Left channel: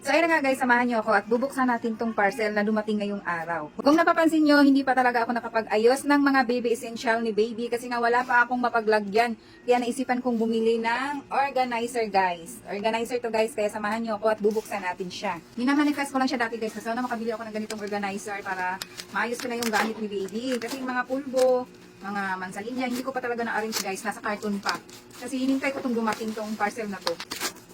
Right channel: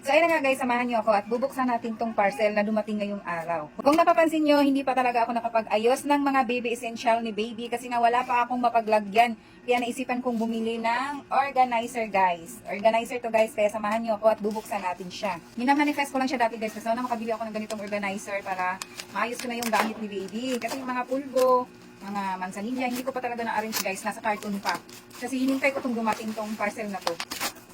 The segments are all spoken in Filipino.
So ayun na nga guys, samahan niyo ako at bubuksan natin tong parcel na dumating ngayong araw. Kung napapansin niyo, hindi pa talaga ako nakapag-ayos ng mga baby essential ni baby kasi nga wala pa akong mapaglagyan. Kaya naisipan kong bumili ng organizer guys. Organizer to guys, kaya samahan niyo ako at bubuksan natin siya. Minamanifest ko lang siya dati guys, kasi na makabili ako ng ganitong organizer para maayos ko na yung gamit ni baby. Kasi yung mga pulbo, mga mansanilla, hindi ko pa talaga na-arrange guys, nasa carton pa. Kasi hinintay ko itong dumating tong parcel na to.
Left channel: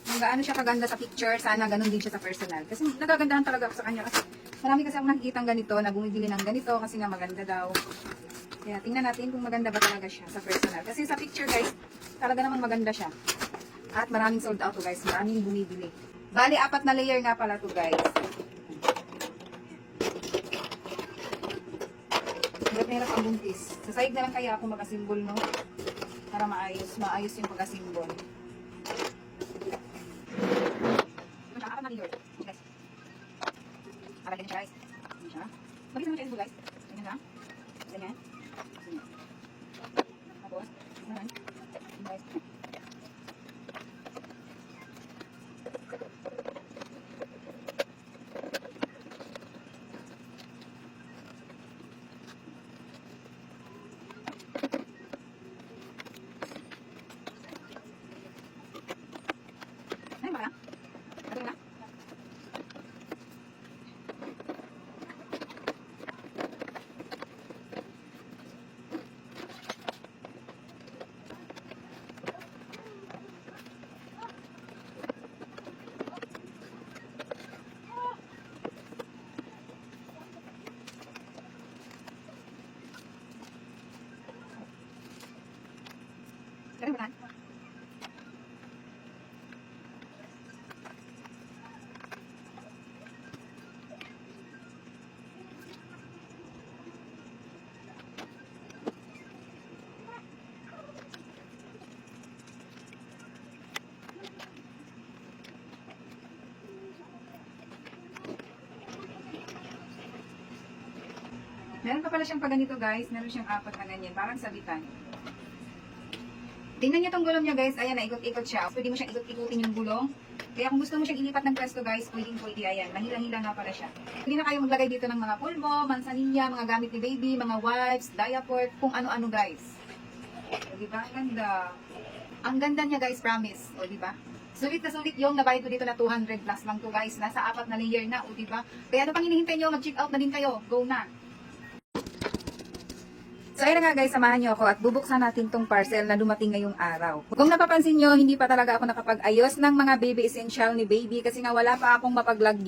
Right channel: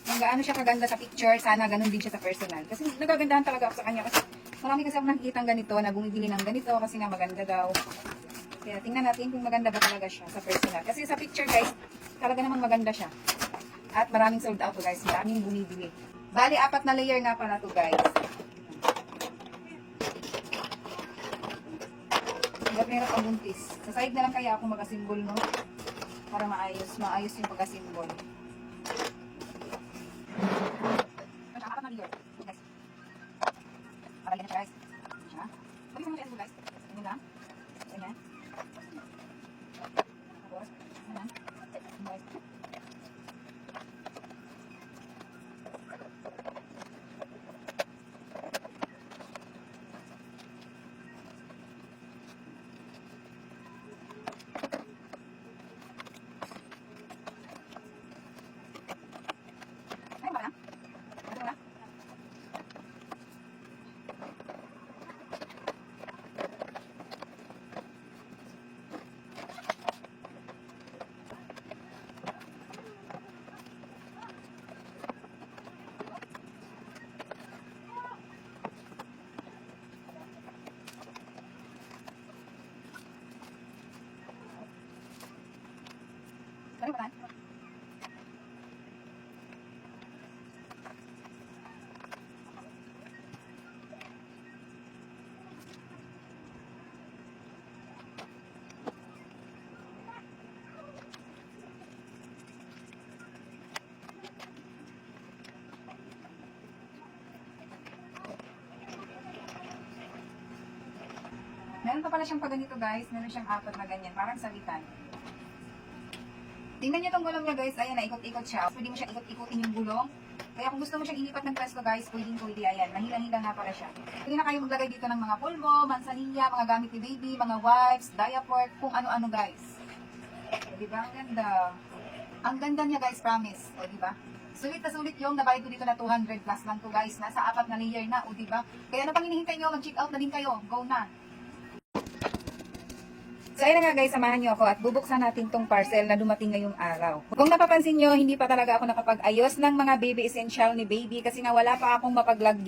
Kung gaano siya kaganda sa picture, sana ganun din siya sa personal. Kasi nagagandahan talaga ako sa kanya kasi marami kasi akong nakikita ganito na bumibili ng ganito kasi nga maganda daw. Kaya tingnan natin kung maganda ba talaga siya sa personal. Kasi sa picture guys, talaga namang maganda siya. At maraming sold out to guys, maraming bumibili. Bali, 4 na layer nga pala to guys. Ba't meron ang buntis? Sa side na lang kaya ako mag-asimbol, no? Para maayos yung pag-asimbol. Para ganyan guys. Ganyan siya. Balik naman kayo guys. Ganyan lang. Ganyan. Tapos, ganyan. Guys. Ay, baka lang. Ano lang? Ganun ba lang? Meron pa pala siyang paganito guys. Meron siyang 4 na ganyan. Parang sabitan. Tingnan niyo tong gulong niya guys. Ayan, naikot-ikot siya. Pwede mo siyang ikot-ikutin yung gulong. Kaya kung gusto mo siyang ilipat ng pwesto guys, pwede. Ayan, mahila-hila nga pala siya. Hindi na kayo maglagay dito ng mga pulbo, mansanilla, mga gamit ni baby, mga wipes, diaper, kung ano-ano guys. O diba? Ang ganda. Ang ganda niya guys, promise. O diba? Sulit na sulit yung nabayad ko dito na 200 plus lang to guys. Nasa 4 na layer na. O diba? Kaya ano pang hinihintay nyo? Mag-check out na din kayo. Go na. So ayun na nga guys, samahan niyo ako at bubuksan natin tong parcel na dumating ngayong araw. Kung napapansin niyo, hindi pa talaga ako nakapag-ayos ng mga baby essential ni baby kasi nga wala pa akong mapaglagyan.